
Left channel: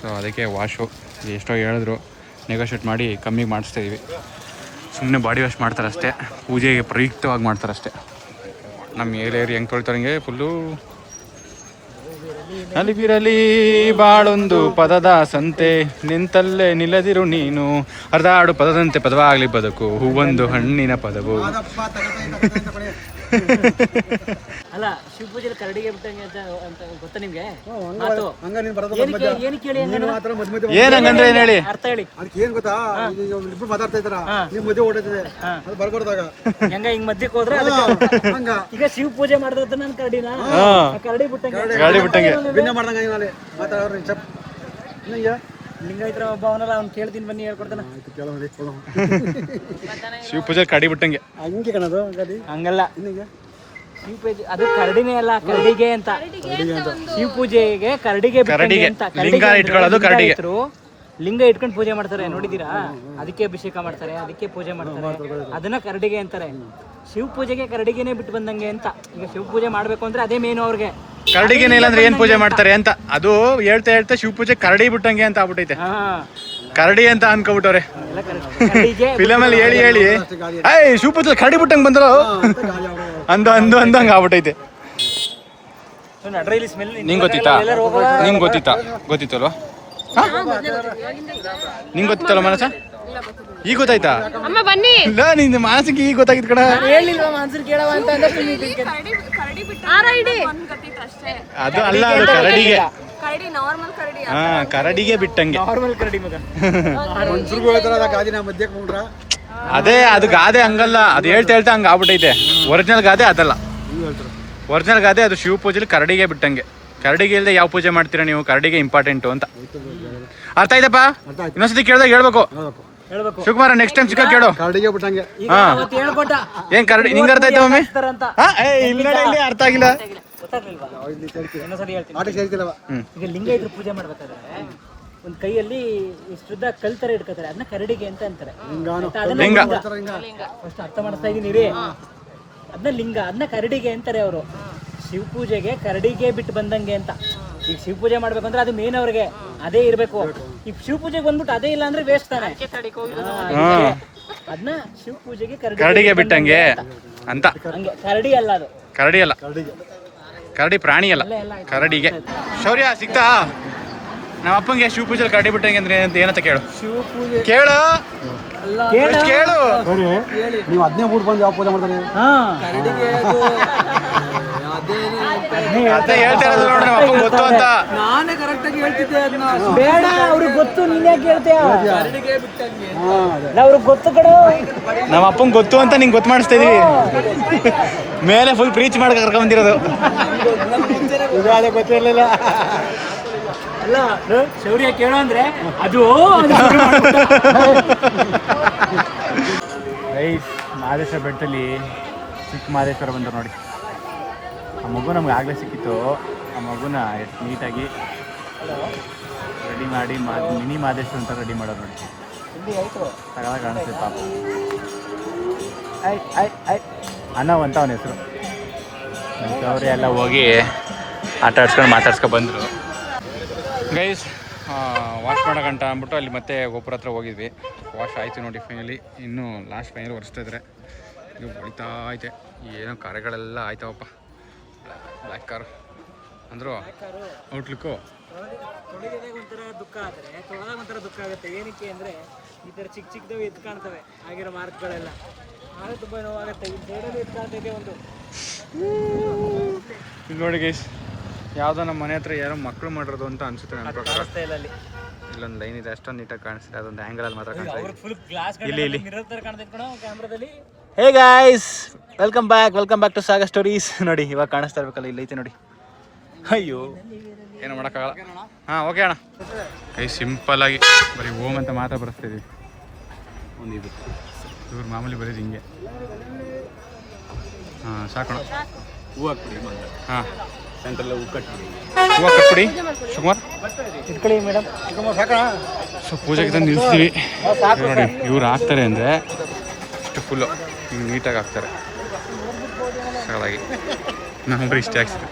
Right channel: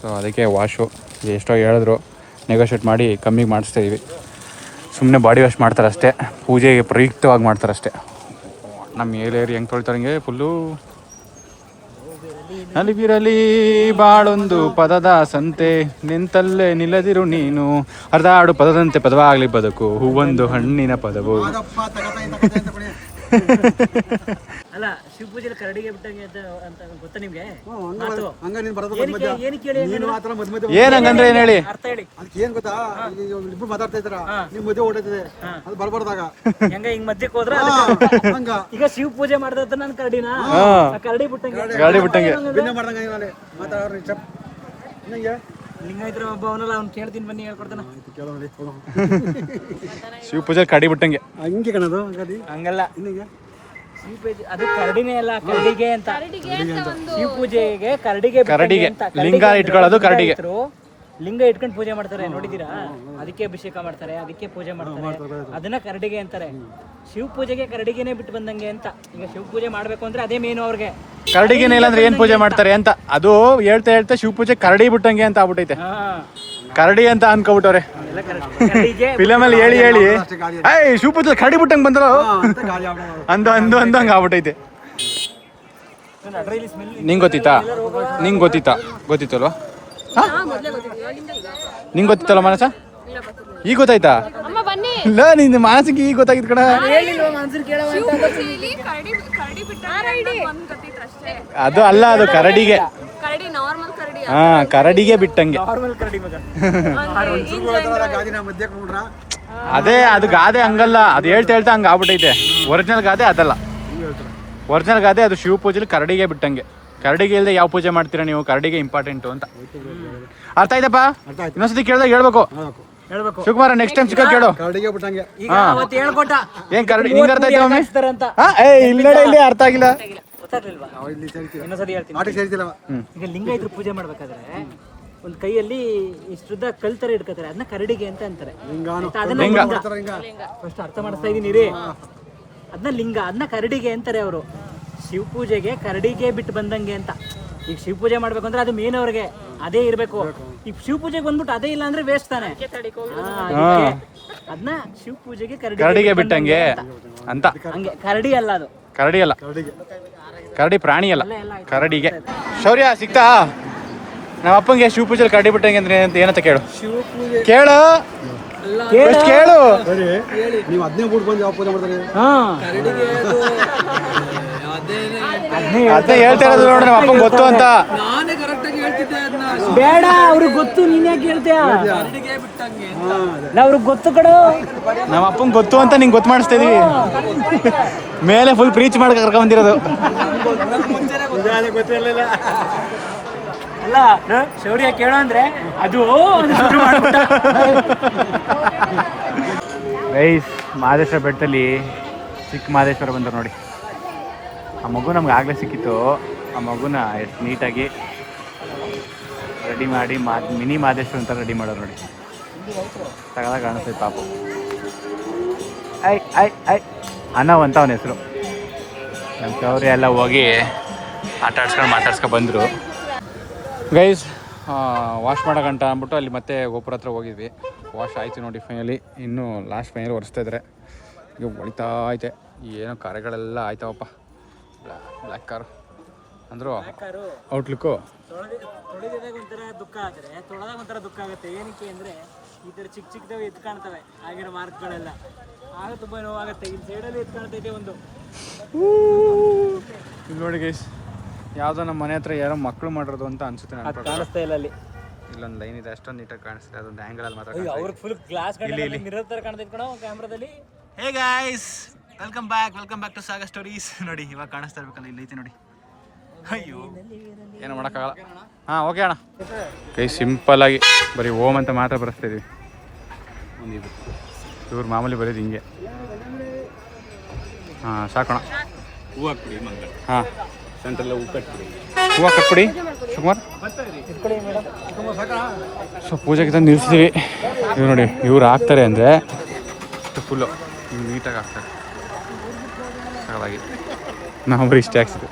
ಸೊ ಅದಕ್ಕೆ ವಾಶು ಎಷ್ಟೋ ಹೇಳಿದ್ರು, ನೆಗೋಷಿಯೇಟ್ ಮಾಡಿ ಕಮ್ಮಿಗೆ ಮಾಡಿಸ್ತಾಯಿದ್ವಿ. ಸುಮ್ಮನೆ ಬಾಡಿ ವಾಶ್ ಮಾಡ್ತಾರೆ ಅಷ್ಟೇ, ಪೂಜೆಗೆ ಪ್ರಯುಕ್ತವಾಗಿ ಮಾಡ್ತಾರೆ ಅಷ್ಟೇ. ನಮ್ಮ ಏರಿಯಾ ಹೆಂಗೆ ತೊಳಿತಾರೆ ಹಂಗೆ ಫುಲ್ಲು. ನಲಿಬಿರಲಿ ಬಾಳೊಂದು ಪದದ ಸಂತೆ, ನಿಂತಲ್ಲೇ ನಿಲ್ಲದಿರು ನೀನು, ಅರ್ಧಾಡು ಪದದಂತೆ ಪದವಾಗಲಿ ಬದುಕು, ಹೂವೊಂದು ಹಣ್ಣಿನ ಪದವು. ಅಲ್ಲ ಶಿವ ಪೂಜೆಲಿ ಕರಡಿಗೆ ಬಿಟ್ಟಂಗೆ ಅಂತ ಗೊತ್ತಾ ನಿಮ್ಗೆ? ಏನಂಗಂದ್ರೆ ಏನ್ ಹೇಳಿ? ಅರ್ಥ ಹೇಳಿ. ಅದಕ್ಕೆ ಏನ್ ಗೊತ್ತಾ, ಇಬ್ರು ಮಾತಾಡ್ತಾ ಇದ್ದಾರ, ನಿಮ್ ಮದುವೆ ಓಡೈತದೆ, ಅದು ಬರ್ಬಾರ್ದಾಗ ಹೆಂಗ ಹಿಂಗ್ ಮಧ್ಯಕ್ಕೆ ಹೋದ್ರ ಈಗ ಶಿವ ಪೂಜೆ ಮಾಡ್ದ ನನ್ ಕರಡಿನ ಕರಡಿ ಬಿಟ್ಟಂಗೆ ಮಾಡ್ದಂಗ ಮಾತಾಡೋರು ಚಪ್ ಲಿಂಗಾಯತರ ಒಬ್ಬ ಅವನಲ್ಲ, ಅವ್ನು ಕೇಳ್ತೀನಿ ಬನ್ನಿ ಹೇಳ್ಕೊಡ್ತಾನ. ಶಿವ ಪೂಜೆ ಕರಡಿ ಬಿಟ್ಟಂಗೆ ಹಂಗೆ ಕಣದು ಹಂಗಲ್ಲ. ಶಿವ ಪೂಜೆ ಅದು ಕರಡಿನೇ ಅಲ್ಲ, ಕರಡಿಗೆ ಅಂತ. ಶಿವ ಪೂಜೆಗೆ ಕರಡಿಗೆ ಲಿಂಗ ಇಟ್ಕೊಳ್ಳೋದು ಕರಡಿಗೆ. ಲಿಂಗ ಇಟ್ಕೊಂಡು ಪೂಜೆ ಮಾಡ್ತಾರೆ, ನೋಡಿದೀರಾ? ಅದಕ್ಕೆ ಅಭಿಷೇಕ ಮಾಡ್ತಾರೆ, ಅದಕ್ಕೆ ಪೂಜೆ ಮಾಡ್ತಾರೆ, ಅದನ್ನ ಕರಡಿಗೆ ಅಂತಾರೆ. ಶಿವ ಪೂಜೆಗೆ ಕರಡಿಗೆನೆ ಬಿಟ್ಟು ಬಂದಂಗೆ ಅಂತ. ಈಗ ಶಿವ ಪೂಜೆ ಮಾಡ್ಬೇಕು ಅಂದ್ರೆ ಅದೇ ಮೇನು ಅವ್ರಿಗೆ. ಕರಡಿಗೆನೆ ಇಲ್ಲ ಅಂದ್ರೆ ಏನ್ ಪೂಜೆ ಮಾಡ್ತಾರೆ ಅಂತ. ಅದು ಹೇಳ್ತಾ ಶಿವ ಪೂಜೆ ಕರಡಿ ಬಿಟ್ಟಂಗೆ ಅಂತ ಆಗ್ಬಿಟ್ಟೈತೆ. ಕರಡಿ ಅಂತ ಅನ್ಕೊಬಿಟ್ಟವ್ರೆ ಅದೆಲ್ಲ ಕರಡಿಗೆ ಫಿಲಮಲ್ಲಿ ಹೇಳಿ ಏಯ್ ಶಿವಪುತ್ರ ಕರಡಿ ಬಿಟ್ಟಂಗೆ ಬಂದ್ರು ಗಾಳಿ ಆಡೋ ಅಂದಂಗೆ ಆಗ್ಬಿಟ್ಟೈತೆ. ನಡ್ರಲ್ಲಿ ಸ್ಮೆಲ್ ನಿಂಗೆ ಗೊತ್ತಿತ್ತಾ ಗೊತ್ತಿತ್ತಲ್ವಾ? ನಿಂಗೆ ಗೊತ್ತಿತ್ತಲ್ಲ ಮನಸ? ಈಗ ಗೊತ್ತಾಯ್ತಾ? ಇಲ್ಲ ನಿಂದು ಮಾನಸಿಗೆ ಈಗ ಗೊತ್ತಾಗಿತ್ತು ಕಣ. ಅದು ಅಲ್ಲ, ಅದು ಕರಡಿಗೆ. ಹಾ, ಕರಡಿಗೆ ಬಿಟ್ಟಂಗೆ. ನಾರ್ಮಲ್ ಕರಡಿ ಮಗ. ಗಾದಿನ ಮಧ್ಯೆ ಕೊಂಡ್ರ ಅದೇ ಅದು ಗಾದೆ ಹಂಗಲ್ಲ, ಅದು ಹೇಳ್ತಾ ಹಂಗೆ ಆಗ್ಬಿಟ್ಟೈತೆ. ಒರಿಜಿನಲ್ ಗಾದೆ ಅದಲ್ಲ. ಒರಿಜಿನಲ್ ಗಾದೆ ಅದು ಶಿವ ಪೂಜೆಲಿ ಕರಡಿಗೆ ಬಿಟ್ಟಂಗೆ. ಕರಡಿಗೆ ಇಲ್ಲದೆ ಯಾವ ಪೂಜೆ ಮಾಡ್ತೀರಾ ನೀವು? ಕರಡಿಗೆ ಇಂಪಾರ್ಟೆಂಟು ಅಂತ. ಅರ್ಥ ಆಯ್ತಪ್ಪ? ಇನ್ನೊಂದ್ಸತಿ ಕೇಳಿದಾಗ ಹೇಳ್ಬೇಕು. ಶಿವಕುಮಾರ ನೆಕ್ಸ್ಟ್ ಟೈಮ್ ಸಿಕ್ಕ ಕೇಳು. ಕರಡಿಗೆ ಬಿಟ್ಟಂಗೆ. ಹಾ, ಹೇಳ್ಕೊಟ್ಟ ಏನ್ ಕರಡಿ ನಿಂಗೆ ಅರ್ಥ ಆಯ್ತಾ ಮಮ್ಮಿ? ಅಂತ ಇಲ್ಲ ಅರ್ಥ ಆಗಿಲ್ಲ. ಗೊತ್ತಾಗ್ಲಿಲ್ವಾ? ನಾವು ಇಲ್ಲಿ ಸೇರ್ತೀವಿ. ಇನ್ನೊಂದ್ಸರಿ ಹೇಳ್ತೀನಿ. ಮಾಡಿ ಸೇರ್ತಿಲ್ಲ. ಈಗ ಲಿಂಗಾಯತರು ಪೂಜೆ ಮಾಡ್ಬೇಕಾದ್ರೆ ಒಂದ್ ಕೈಯಲ್ಲಿ ಇಷ್ಟುದ್ದ ಕಲ್ ತರ ಇಟ್ಕೋತಾರೆ, ಅದನ್ನ ಕರಡಿಗೆ ಅಂತ ಅಂತಾರೆ. ಲಿಂಗ. ಫಸ್ಟ್ ಅರ್ಥ ಮಾಡಿಸ್ತಾ ಇದೀನಿ ರೀ. ಅದನ್ನ ಲಿಂಗ, ಅದನ್ನ ಕರಡಿಗೆ ಅಂತಾರೆ ಅವರು. ಶಿವ ಪೂಜೆಗೆ ಕರಡಿಗೆ ಬಿಟ್ಟು ಬಂದಂಗೆ ಅಂತ. ಈಗ ಶಿವ ಪೂಜೆ ಮಾಡ್ಬೇಕು ಅಂದ್ರೆ ಅದು ಮೇನ್ ಅವ್ರಿಗೆ ಅದೇ ಇರ್ಬೇಕು. ಈಗ ಶಿವ ಪೂಜೆಗೆ ಬಂದ್ಬಿಟ್ಟು ಅದೇ ಇಲ್ಲ ಅಂದ್ರೆ ವೇಸ್ಟ್ ತಾನೆ. ಅದನ್ನ ಶಿವ ಪೂಜೆಗೆ ಕರಡಿಗೆ ಬಿಟ್ಟಂಗೆ ಅಂತ. ಹಂಗೆ ಕರಡಿ ಅಲ್ಲ, ಅದು ಕರಡಿ ಅಲ್ಲ, ಕರಡಿ ಪ್ರಾಣಿ ಅಲ್ಲ, ಕರಡಿಗೆ. ಶೌರ್ಯ ಸಿಕ್ತಾ? ನಮ್ಮ ಅಪ್ಪಂಗೆ ಶಿವ ಪೂಜೆಲಿ ಕರಡಿ ಬಿಟ್ಟಂಗೆ ಅಂದ್ರೆ ಏನಂತ ಕೇಳು. ಶಿವ ಪೂಜೆ ಕೇಳು, ಕೇಳು. ನೀವು 15 ಬಂದು ಯಾವ ಪೂಜೆ ಮಾಡ್ತಾನೆ? ಕರಡಿಗೆ ಅದೇ ಹೇಳ್ತಾ ಇರೋದು ನೋಡ್ರಿ, ನಮ್ಮ ಅಪ್ಪಂಗೆ ಗೊತ್ತು ಅಂತ. ನಾನೇ ಕರೆಕ್ಟ್ ಆಗಿ ಹೇಳ್ತಿದ್ದೆ ಅದನ್ನ. ಬೇಡ, ಅವ್ರಿಗೆ ಗೊತ್ತು, ನೀನ್ ಯಾಕೆ ಹೇಳ್ತೀಯ? ಕರಡಿಗೆ ಬಿಟ್ಟಂಗೆ ಅವ್ರಿಗೆ ಗೊತ್ತು ಕಣ. ನಮ್ಮ ಅಪ್ಪಂಗೆ ಗೊತ್ತು ಅಂತ ನಿಂಗೆ ಗೊತ್ತು ಮಾಡಿಸ್ತಾ ಇದೀವಿ. ಮೇಲೆ ಫುಲ್ ಪ್ರೀಚ್ ಮಾಡಕ್ಕೆ ಕರ್ಕೊಂಡ್ ಬಂದಿರೋದು. ಗೊತ್ತಿರಲಿಲ್ಲ. ಅಲ್ಲ, ಶೌರ್ಯ ಕೇಳೋ ಅಂದ್ರೆ ಅದು ರೈಸ್ ಮಹದೇಶ್ವರ ಬೆಟ್ಟದಲ್ಲಿ ಚಿಕ್ಕ ಮಹದೇಶ್ವರ ಬಂದರು ನೋಡಿ. ಆ ಮಗು ನಮ್ಗೆ ಆಗಲೇ ಸಿಕ್ಕಿತ್ತು. ಆ ಮಗುನ ಎಷ್ಟು ನೀಟಾಗಿ ರೆಡಿ ಮಾಡಿ ಮಿನಿ ಮಹದೇಶ್ವರ ಅಂತ ರೆಡಿ ಮಾಡೋರು ನೋಡಿ. ತಗೊಳ ಕಾಣಿಸ್ತೈತೆ ಪಾಪ. ಐ ಅನ್ನವ್ ಅಂತ ಅವನ ಹೆಸರು. ನಮ್ಮ ಶೌರ್ಯ ಎಲ್ಲ ಹೋಗಿ ಆಟ ಆಡ್ಸ್ಕೊಂಡು ಮಾತಾಡ್ಸ್ಕೊಂಡು ಬಂದರು. ಗೈಸ್ ವಾಶ್ ಮಾಡೋಕಂಟ ಅಂದ್ಬಿಟ್ಟು ಅಲ್ಲಿ ಮತ್ತೆ ಗೋಪುರ ಹತ್ರ ಹೋಗಿದ್ವಿ. ವಾಶ್ ಆಯಿತು ನೋಡಿ ಫೈನಲಿ. ಇನ್ನೂ ಲಾಸ್ಟ್ ಫೈನಲ್ ಒರೆಸ್ತಾ ಇದ್ದಾರೆ. ಈಗ ಹೊಳಿತಾ ಐತೆ. ಏನೋ ಕಾರ್ಯಗಳೆಲ್ಲ ಆಯ್ತಾವಪ್ಪ. ಬ್ಲ್ಯಾಕ್ ಕಾರ್ ಅಂದರು ಔಟ್ಲುಕ್ಕು. ತೊಳೆದಾಗ ಒಂಥರ ದುಃಖ ಆದರೆ ತೊಳೆದಾಗ ಒಂಥರ ದುಃಖ ಆಗುತ್ತೆ. ಏನಕ್ಕೆ ಅಂದರೆ ಈ ಥರ ಚಿಕ್ಕ ಚಿಕ್ಕದವೆ ಎದ್ದು ಕಾಣ್ತವೆ ಆಗಿರೋ ಮಾರ್ಕ್ಗಳೆಲ್ಲ. ಆಗ ತುಂಬ ನೋವಾಗುತ್ತೆ. ಇಲ್ಲಿ ಸೈಡಲ್ಲಿ ಎದ್ದು ಕಾಣ್ತೈತೆ ಒಂದು. ಇಲ್ಲಿ ನೋಡಿ ಗೈಸ್, ಯಾವುದೋ ನಮ್ಮ ಮನೆ ಹತ್ರ ಯಾರೋ ಮಕ್ಕಳು ಮಾಡಿರೋದು ಅಂತ ಅನ್ಸುತ್ತೆ ನನ್ನ ಪ್ರಕಾರ. ಕಾಣಿಸ್ತಾ ಇಲ್ಲ ಅಲ್ಲಿ. ಇಲ್ಲೊಂದು ಲೈನ್ ಇದೆ, ಅಷ್ಟೊಂದು ನೀಟಾಗಿ ಕಾಣಿಸ್ತಿದೆ. ಅದೊಂದು ಆ್ಯಂಗಲಲ್ಲಿ ಮಾತ್ರ ಕಾಣಿಸ್ತಾ ಫುಲ್ ಗ್ಲಾಸ್ ಇಲ್ಲಿ ಮಿರರ್ ಥರ ಕಾಣ್ತೈತೆ ಕಣ ಕ್ಯಾಮ್ರಾದಲ್ಲಿ. Hey guys, welcome back to Saga Stories. ನೋಡಿ ಇವಾಗ ಕಾಣಿಸ್ತಾ ಇರ್ಬೇಕಲ್ಲ, ಇಲ್ಲಿ ಐತೆ ನೋಡಿ. ಅಯ್ಯೋ ಏನೋ ಮಾಡೋಕ್ಕಾಗಲ್ಲ. ಹಾಂ ಓಕೆ ಅಣ್ಣ. ಕೈ ಸಿಂಪಲ್ಲಾಗಿ ಬರೀ ಓಮ್ ಅಂತ ಮಾತ್ರ ಬರೆಸ್ತಾ ಇದೀವಿ. ಒಂದು ಇದು ಇವ್ರು ಮಾಮೂಲಿ ಬರೀದು ಹಿಂಗೆ. ಹಾಂ ಸಾಕೋಣ. ಹೂವು ಹಾಕ್ಬಿಡಿ. ಹಾಂ ಹೂವು ಕಟ್ಬಿಡಿ ಶಿವಕುಮಾರ್. ಸೊ ಪೂಜೆಗೆ ತಂದು ನಿಲ್ಲಿಸ್ತೀವಿ. ನೋಡಿ ಇವ್ರು ಹಾಕ್ತಾರೆ ಅಂದರೆ ಇಷ್ಟು ಫುಲ್ಲು ಹಿಂಗೆ ನೀಟಾಗಿ ಹಾಕ್ತಾರೆ ಸರಳಾಗಿ. ನಾವು ಇಷ್ಟೇ ಹಾಕ್ಸಿದ್ವಿ,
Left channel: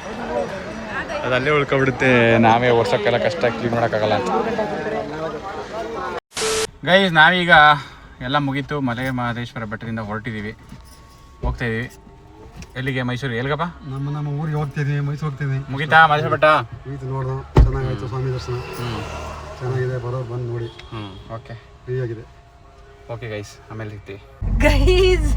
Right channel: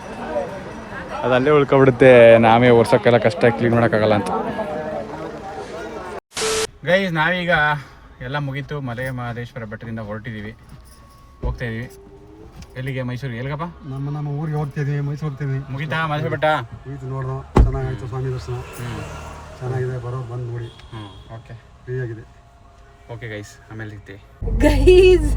ಅದು ಅಲ್ಲೇ ಉಳ್ಕೊಬಿಡುತ್ತೆ. ನಾವೇ ಒರ್ಸೋಕ್ಕೆಲ್ಲ ಕಷ್ಟ, ಕ್ಲೀನ್ ಮಾಡೋಕ್ಕಾಗಲ್ಲ ಅಂತ. ಗೈಸ್ ನಾವೀಗ ಎಲ್ಲ ಮುಗೀತು. ಮಲೆ ಮಹದೇಶ್ವರ ಬೆಟ್ಟದಿಂದ ಹೊರಟಿದ್ದೀವಿ, ಹೋಗ್ತಾಯಿದ್ದೀವಿ. ಎಲ್ಲಿಗೆ? ಮೈಸೂರು. ಎಲ್ಲಿಗಪ್ಪ? ನಮ್ಮ ಊರಿಗೆ ಹೋಗ್ತಿದ್ದೀವಿ, ಮೈಸೂರು ಹೋಗ್ತೀವಿ. ಮುಗೀತಾ ಮಹದೇಶ್ವರ ಬೆಟ್ಟ? ಮುಗೀತು, ನೋಡ್ದು ಚೆನ್ನಾಗಾಯ್ತು. ಸ್ವಾಮಿ ದರ್ಶನ ಚೆನ್ನಾಗಿದೆ. ಬರೋರು ಬಂದು ನೋಡಿ. ಓಕೆ, ಫ್ರೀ ಆಗಿದೆ. ಓಕೆ ಗೈಸ್, ಆಮೇಲೆ ಸಿಗ್ತೀವಿ. ಗೈಸ್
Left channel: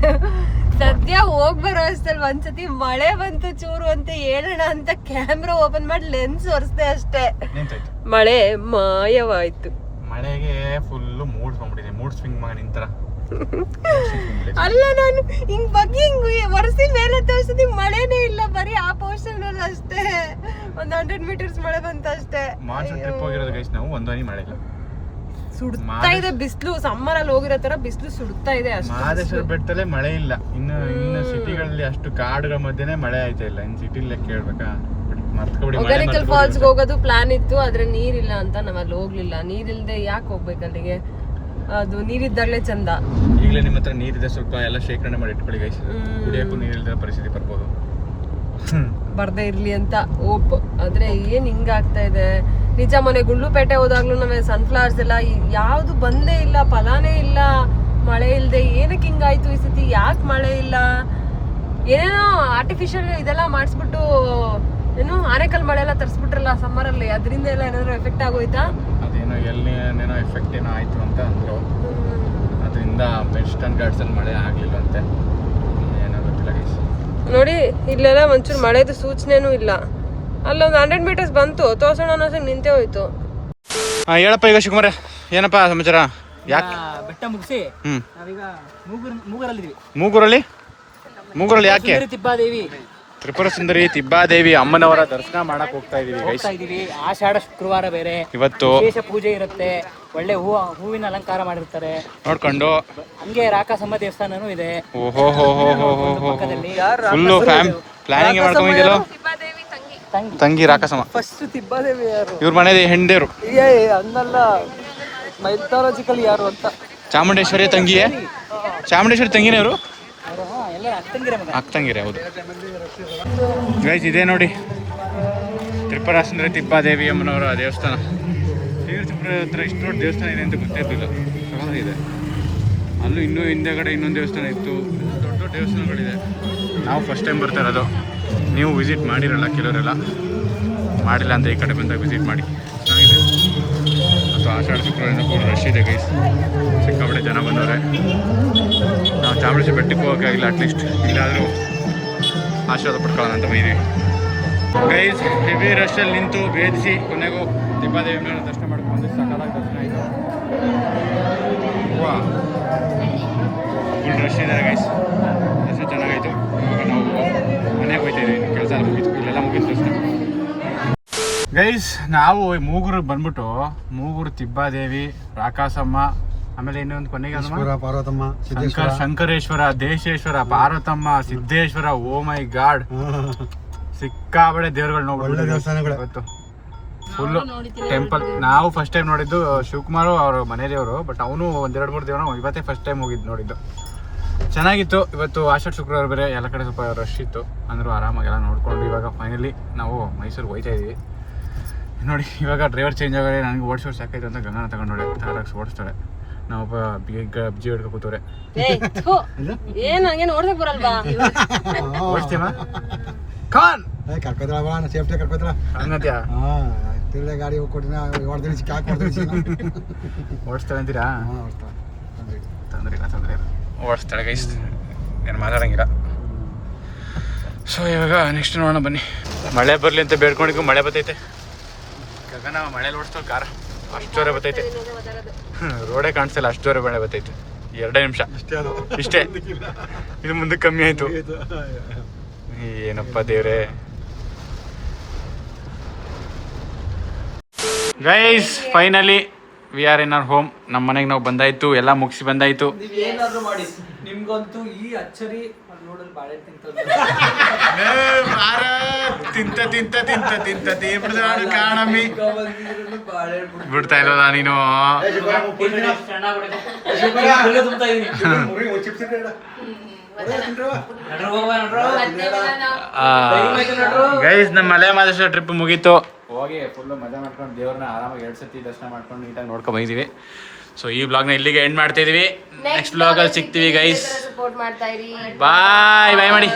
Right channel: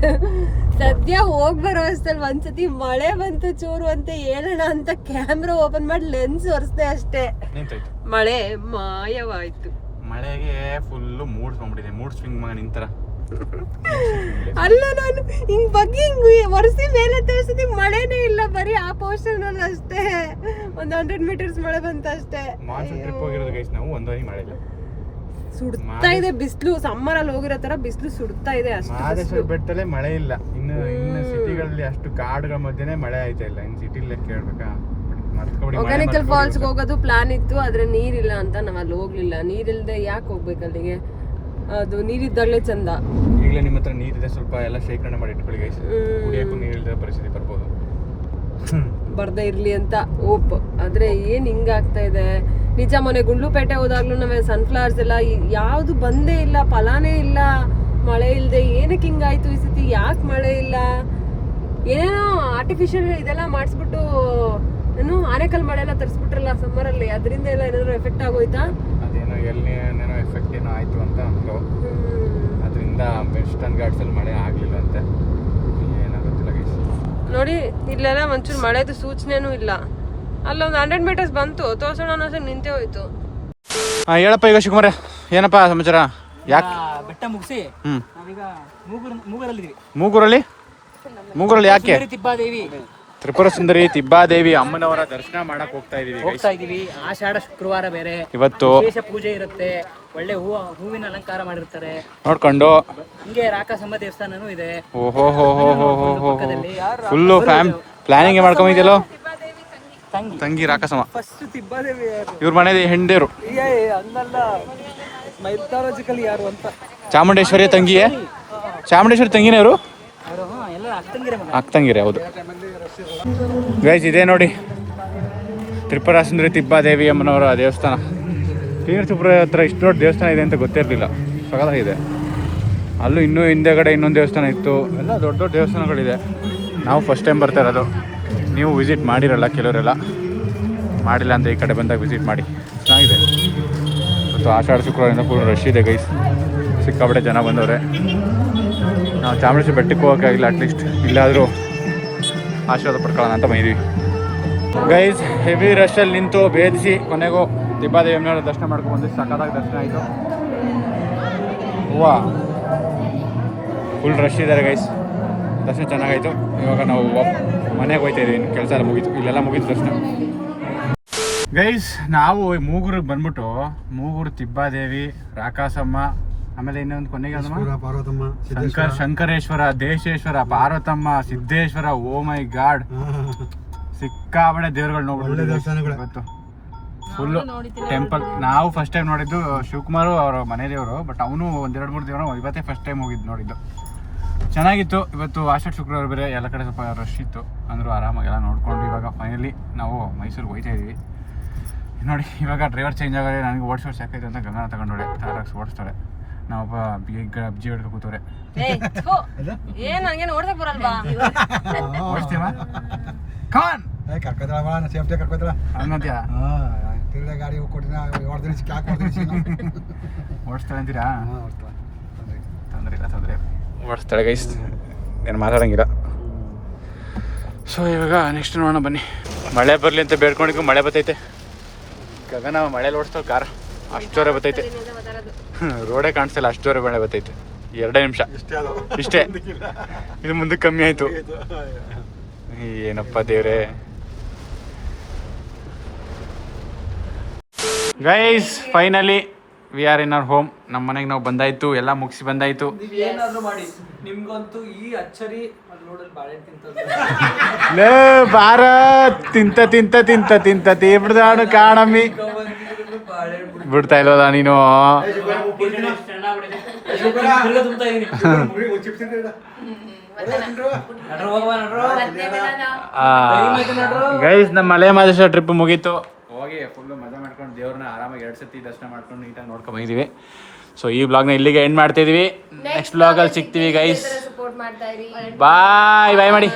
ಸದ್ಯ ಹೋಗ್ಬರೋ ಅಷ್ಟಲ್ಲಿ ಒಂದ್ಸತಿ ಮಳೆ ಬಂತು ಚೂರು ಅಂತ ಹೇಳೋಣ ಅಂತ ಕ್ಯಾಮ್ರಾ ಓಪನ್ ಮಾಡಿ ಲೆನ್ಸ್ ಒರೆಸ್ದೆ ಅಷ್ಟೇ. ನಿಂತೈತೆ ಮಳೆ ಮಾಯವಾಯ್ತು. ಮಳೆಗೆ ಫುಲ್ಲು ಮೂಡ್ ಬಂದ್ಬಿಟ್ಟಿದೆ. ಮೂಡ್ ಸ್ವಿಂಗ್ ಮಗ ನಿಂತರ. ಅಲ್ಲ, ನಾನು ಹಿಂಗ್ ಬಗ್ಗೆ ಹಿಂಗ್ ಒರೆಸಿ ಮೇಲೆ ತೋರಿಸಿದ ಮಳೆನೇ ಇಲ್ಲ, ಬರೀ ಆ ಪೋರ್ಷನ್ ಅಲ್ಲಿ ಅಷ್ಟೇ. ಒಂದ್ 100 ಮೀಟರ್ಸ್ ಮಳೆ ಬಂತ ಅಷ್ಟೇ. ಮಾನ್ಸೂನ್ ಟ್ರಿಪ್ ಹೋಗಿರೋದು ಗೈಸ್ ನಾವು, ಒಂದು ಹನಿ ಮಳೆ ಇಲ್ಲ. ಸುಡ್ತಾ ಇದೆ ಬಿಸಿಲು. ಸಮ್ಮರ್ ಅಲ್ಲಿ ಹೋಗಿರೋ ತರ ಬಿಸಿಲು ಸುಡ್ತಾ ಇದೆ ಅಷ್ಟೇ. ಮಹದೇಶ್ವರ ಬೆಟ್ಟದಲ್ಲಿ ಮಳೆ ಇಲ್ಲ. ಇನ್ನು ಸಿಟಿಗಳಲ್ಲಿ ಅಷ್ಟು ಕಾಡುಗಳ ಮಧ್ಯೆನೇ ಮಳೆ ಆಯ್ತಾ ಇಲ್ಲ. ಇನ್ನು ಸಿಟಿಲೇ ಕೇಳ್ಬೇಕಾ? ಒಗೇನಕಲ್ ಫಾಲ್ಸ್ ಹೋಗೋದು ಪ್ಲಾನ್ ಇತ್ತು, ಆದ್ರೆ ನೀರಿಲ್ಲ ಅಂತ ನಾವ್ ಅಲ್ಲಿ ಹೋಗ್ಲಿಲ್ಲ. ನೀರಿಲ್ದೆ ಯಾಕೆ ಹೋಗ್ಬೇಕು ಅಲ್ಲಿಗೆ? ಅದು ನೀರಿದ್ದಾಗಲೇ ಚಂದ. ಈಗಲೇ ನಿಮ್ಮ ಹತ್ರ ನೀರಿದೆ, ಸ್ವಲ್ಪ ಎಲ್ಲ ಶೇಖರಣೆ ಮಾಡಿ ಇಟ್ಕೊಳ್ಳಿ ಗೈಸ್. ಕುಡಿಯಕ್ಕೂ ನೀರಿಲ್ಲದೆ ಪರಿಸ್ಥಿತಿ ಬರ್ಬೋದು. ಬರ್ದೇ ಇರ್ಲಿ ಅಂತ ಹೋಪ್. ಆದ್ರೆ ಏನ್ ಹಿಂಗ ಆಗ್ತಾ ಇದೆ. ನಿಜ ಮೊನ್ನೆ ಗುಂಡ್ಲುಪೇಟೆ ಹೋದಾಗ್ಲೂ ನಾವೇ ಸನ್ಫ್ಲವರ್ಸ್ ಎಲ್ಲ ಯಾವುದು ಬಂದೇ ಇಲ್ಲ, ಫಲಾನೇ ಇಲ್ಲ, ಮಳೆ ಇಲ್ಲದೆ. ಏನಕ್ಕೆ ಹಿಂಗಾಯ್ತು ಈ ಸತಿ, ಯಾಕೆ ಮಳೆ ಇಲ್ಲ? ಏನೇನೋ ಆರ್ಟಿಫಿಷಿಯಲ್ ಇದೆಲ್ಲ ಮಾಡಿಸ್ಬಿಟ್ಟು ಏನು ಆನೆಕಲ್ ಮಳೆ ಎಲ್ಲ ತರಿಸ್ಬಿಟ್ರಲ್ಲ ಸಮ್ಮರಲ್ಲಿ, ಅದರಿಂದ ಎಲ್ಲ ಏನಾದ್ರು ಎಫೆಕ್ಟ್ ಆಗೋಯ್ತಾ? ಅದೇನೋ ಎಲ್ಲಿನೇನೋ ಎಫೆಕ್ಟ್ ಏನೋ ಆಯಿತು ಅಂತ ಅಂದರು. ಅದರಿಂದ ವೆಸ್ಟರ್ನ್ ಘಾಟ್ಸಲ್ಲಿ ಮಳೆ ಆಗಲಿಲ್ಲ ಅಂತೆ, ಏನೋ ಗೊತ್ತಿಲ್ಲ ಗೈಸ್. ನೋಡಿ ಇಲ್ಲೆಲ್ಲ ಒಂಚೂರು ಮಳೆದು ಸೂಚನೆನೂ ಇಲ್ಲ. ಅಲ್ಲೊಂದು 100 ಮೀಟರ್ಸ್ ಬಂತು, ತೋರ್ಸೋಣ ಅನ್ನೋ ನಿಂತೇ ಹೋಯ್ತು. ಹೇಳಪ್ಪ ಈಗ ಶಿವಕುಮಾರ, ಏನಪ್ಪ ಸಮಾಚಾರ? ಯಾಕೆ ಬೆಟ್ಟ ಮುಗಿಸಿ ನಾವೀಗ ಮೂಗರಲ್ಲಿದ್ದೀವಿ. ಮೂಗೂರಲ್ಲಿ ಯಾಕೆ? ತಿಬ್ಬಾದೇವಿ, ತ್ರಿಪುರ ಸುಂದರಿ ತಿಬ್ಬಾದೇವಿ ಅಮ್ಮನವರ ದರ್ಶನ ಮಾಡಕ್ ಹೋಗ್ತಾ ಇದೀವಿ. ಆಷಾಢ ಶುಕ್ರವಾರ ಬೇರೆ ಇವತ್ತು ವಿಶೇಷ ಪೂಜೆ ಇರುತ್ತೆ. ಒಳ್ಳೆ ಹೂವಿನ ಅಲಂಕಾರ ಮಾಡಿರ್ತಾರೆ ನೋಡ್ಕೊಂಡು. ಹಂಗೆ ರಾಕಸಮ್ಮ ದೇವಸ್ಥಾನನೂ ಇದೆ. ಓಹೋ ಫುಲ್ಲು ಪ್ಲಾನಿಂಗ್ ಮಾಡ್ಕೊಂಡಿದ್ಯಲ್ಲೋ ತಂಗಿ ರಾಕಸಮ್ಮ. ತಿಬ್ಬಾದೇವಿ ಯಾರು? ಇವ್ರ ಮನೇಲಿ ಹೆಂಡೇರು ಹಂಗಲ್ಲ, ಮೈಥಾಲಜಿಕಲ್ ಯಾರು ಅಂತ. ಚಾಮುಂಡೇಶ್ವರಿ ತಂಗಿಯೇ? ಚಾಮುಂಡೇಶ್ವರಿ ತಂಗಿನೇ ಅವರು? ಎಲ್ಲ ಅಕ್ಕಂಗಿರ ಮಗ. ಅಕ್ಕಂಗಿರೆ, ಹೌದು ಗೈಸ್. ಇದೇ ನೋಡಿ ತ್ರಿಪುರ ಸುಂದರಿ ತಿಬ್ಬಾದೇವಿ ಅಮ್ಮನವರ ದೇವಸ್ಥಾನ. ಶ್ರೀನರಸೀಪುರ ಹತ್ರ ಇಷ್ಟು ದೊಡ್ಡ ದೇವಸ್ಥಾನ ಇದೆ ಅಂತ ಗೊತ್ತೇ ಇರಲಿಲ್ಲ, ಸಗಲಾಗಿದೆ. ಅಲ್ಲೂ ಇನ್ನೂ ಹಿಂದೆಗಡೆ ಇನ್ನೊಂದು ದೇವಸ್ಥಾನ ಇತ್ತು. ಎಲ್ಲ ದೊಡ್ಡ ದೊಡ್ಡ ದೇವಸ್ಥಾನಗಳಿದೆ. ನಾವು ಫಸ್ಟ್ ಟೈಮ್ ಬರ್ತಾ ಇರೋದು. ನೀವು ವಿಸಿಟ್ ಮಾಡಿರಲ್ಲ, ಕೆಲವರೆಲ್ಲ ಮಾಡಿಲ್ಲ ಅಂತ ಈ ಕಡೆ ಬಂದಾಗ ವಿಸಿಟ್ ಮಾಡಿ, ಚೆನ್ನಾಗಿದೆ. ಮತ್ತು ಆಷಾಢ ಶುಕ್ರವಾರ ಕೂಡ ರಶ್ ಇದೆ ಗೈಸ್, ಸಿಕ್ಕಾಪಟ್ಟೆ ಜನ ಬಂದವ್ರೆ. ನಾವು ಚಾಮುಂಡೇಶ್ವರಿ ಬೆಟ್ಟಕ್ಕೆ ಹೋಗೋಕ್ಕಾಗಿಲ್ಲ, ಅಟ್ಲೀಸ್ಟ್ ಇಲ್ಲಾದರೂ ಆಶೀರ್ವಾದ ಪಡ್ಕೊಳ್ಳೋಣ ಅಂತ ಬಂದಿದ್ದೀವಿ ಗೈಸ್. ಹೆವಿ ರಶಲ್ಲಿ ನಿಂತು ಭೇದಿಸಿ ಕೊನೆಗೂ ತಿಬ್ಬಾದೇವಿ ಅಮ್ಮನವರ ದರ್ಶನ ಮಾಡ್ಕೊಂಡು ಸಕಾಲಾಗಿ ದರ್ಶನ ಆಯಿತು. ವಾ, ಫುಲ್ ರಶ್ ಇದ್ದಾರೆ ಗೈಸ್. ದರ್ಶನ ಚೆನ್ನಾಗಾಯಿತು. ಇವಾಗ ನಾವು ಮನೆಗೆ ಹೋಗ್ತಾ ಇದ್ದೀವಿ, ಕೆಲಸ ಎಲ್ಲ ಮುಗೀತು, ಇಲ್ಲೆಲ್ಲ ಮುಗೀತು ದರ್ಶನ ಗೈಸ್. ನಾವು ಮೂಗೂರಿಗೆ ಬಂದ್ಬಿಟ್ಟು ಮೂಗೂರು ತಿಬ್ಬಾದೇವಿ, ರಾಕಾಸಮ್ಮ, ಆಮೇಲೆ ಇನ್ನೊಂದು ಕೊನೆಗೆ ಪಾರ್ವತಮ್ಮ, ಶಂಕರೇಶ್ವರ, ದೇಶೇಶ್ವರ, ಪಾರ್ವತಮ್ಮ, ಸಿದ್ದೇಶ್ವರ. ಓ ಮೈ ಗಾಡ್, ಸಿಕ್ಕಾಬಡೆ ದೇವ್ರುಗಳು ನೋಡ್ಬಿಟ್ಟು ಫುಲ್ಲು ಟೆಂಪಲ್. ನಾವು ಫಸ್ಟ್ ಟೈಮ್ ನೋಡಿದ್ದು ಶಿವಕುಮಾರು ಅವ್ರ ಮನೆ ದೇವರು, ಬಟ್ ಅವನು 1-2-3 ದೇವರು ಇವತ್ತೇ ಫಸ್ಟ್ ಟೈಮ್ ಹೋಗಿದ್ದು ನೋಡಿದ್ದು. ಚೆನ್ನಾಗಿತ್ತು. ಇವತ್ತು ಆಷಾಢ ಶುಕ್ರವಾರ ಬೇರೆ, ಎಲ್ಲ ಕಡೆ ಸ್ವಲ್ಪ ರಶ್ ಇತ್ತು, ಅಂದರೂ ಆರಾಮಾಗಿ ಎಲ್ಲ ನೋಡ್ಕೊಂಡು ಇವಾಗ ಫೈನಲಿ ನಾವು ಮೈಸೂರಿಗೆ ಹೋಗ್ತಾ ಇದ್ದೀವಿ. ನೋಡಿ ಇವಾಗ ಡ್ರೈವರ್ ಚೇಂಜ್ ಆಗೋದೇ, ನನಗೆ ಓಡಿಸೋರು ಸಾಕಾಯ್ತು ಅಂತ ಗಂಗನ ತಗೊಂಡೋಳೆ, ತಾರಾಕ್ಸ್ ಓಡಿಸ್ತಾಳೆ. ನಾವೊಬ್ಬ ಅಬ್ಜಿ ಹಿಡ್ಕೊ ಕೂತವ್ರೆ. ಓಡಿಸ್ತೀವ ಸೇಫ್ಟಿ ಕರ್ಕೋತಾರ ಹಂಗಂತ್ಯಾ? ಗಾಡಿ ಓಡಿಸ್ತಾಳೆ ಅಂತೀರಾ? ತೊಂದರೆ ಓಡಿಸ್ತಾಳೆ ಗೈಸ್, ಏನು ಮಾತಾಡೋಂಗಿಲ್ಲ. ಸೊ ಇವಾಗ ನೆಕ್ಸ್ಟ್ ನೋಡೋಣ ಬನ್ನಿ. ಮಳೆ ಬರಲಿ ಅಂತ ಬೇಡ್ಕೊಂಡಿದ್ದು ಮಳೆ ಬರ್ತೈತೆ. ಗಗನ ಮಳೇಲಿ ಓಡಿಸ್ತಾಳೆ ಕಾರ, ಅಷ್ಟು ಜೋರ ಬರ್ತೈತೆ. ರೋಡೇ ಕಾಣಿಸ್ತಿಲ್ಲ, ಅಷ್ಟು ಜೋರ ಮಳೆ ಬರ್ತೈತೆ. 2 ನಿಮಿಷ ಇಷ್ಟೇ, ಇದು ಮುಂದಕ್ಕೆ ಕಮ್ಮಿ ಆಯಿತು. ಏನಪ್ಪ ದೇವ್ರೆ. Guys finally we are in our home. ನಮ್ಮ ಮನೆಗೆ ನಾವು ಬಂದಾಯ್ತು, ಎಲ್ಲ ಮುಗಿಸಿ ಬಂದಾಯ್ತು. ಏನಾದ್ರೂ ಮಾಡಿ ನಿಮ್ಗಂತೂ ಈ ಅಚ್ಚರಿ ನೋಡಲ್ ಬಾಳೆ ಭಾರತ್ ತಿಂತ ತೀವ್ರದಾನ ಕಾಣಮ್ಮಿ ಬಿಡ್ತಾ ಇಲ್ವಲ್ಲ ನೀನು. ಗೈಸ್ ನಮ್ಮ ಮಲೆ ಮಹದೇಶ್ವರ ಟ್ರಿಪ್ ಮುಗೀತು. ಹೋಗಿ ಫುಲ್ಲು ಮಜಾ ಮಾಡ್ಕೊಂಡು ದೇವ್ರನ್ನ ಆರಾಮಾಗಿ 2 ಸತಿ ದರ್ಶನ ಮಾಡ್ಕೊಂಡು ನೀಟಾಗಿ ನೋಡ್ಕೊಂಡು ಬಂದಿದ್ದೀವಿ. ಸೊ ಈ ಬ್ಲಾಗ್ನ ಇಲ್ಲಿಗೆ ಎಂಡ್ ಮಾಡ್ತಾ ಇದೀವಿ. Next ಬ್ಲಾಗಲ್ಲಿ ಸಿಗ್ತೀವಿ guys. ಬಾಯ್ ಮಾಡಿ.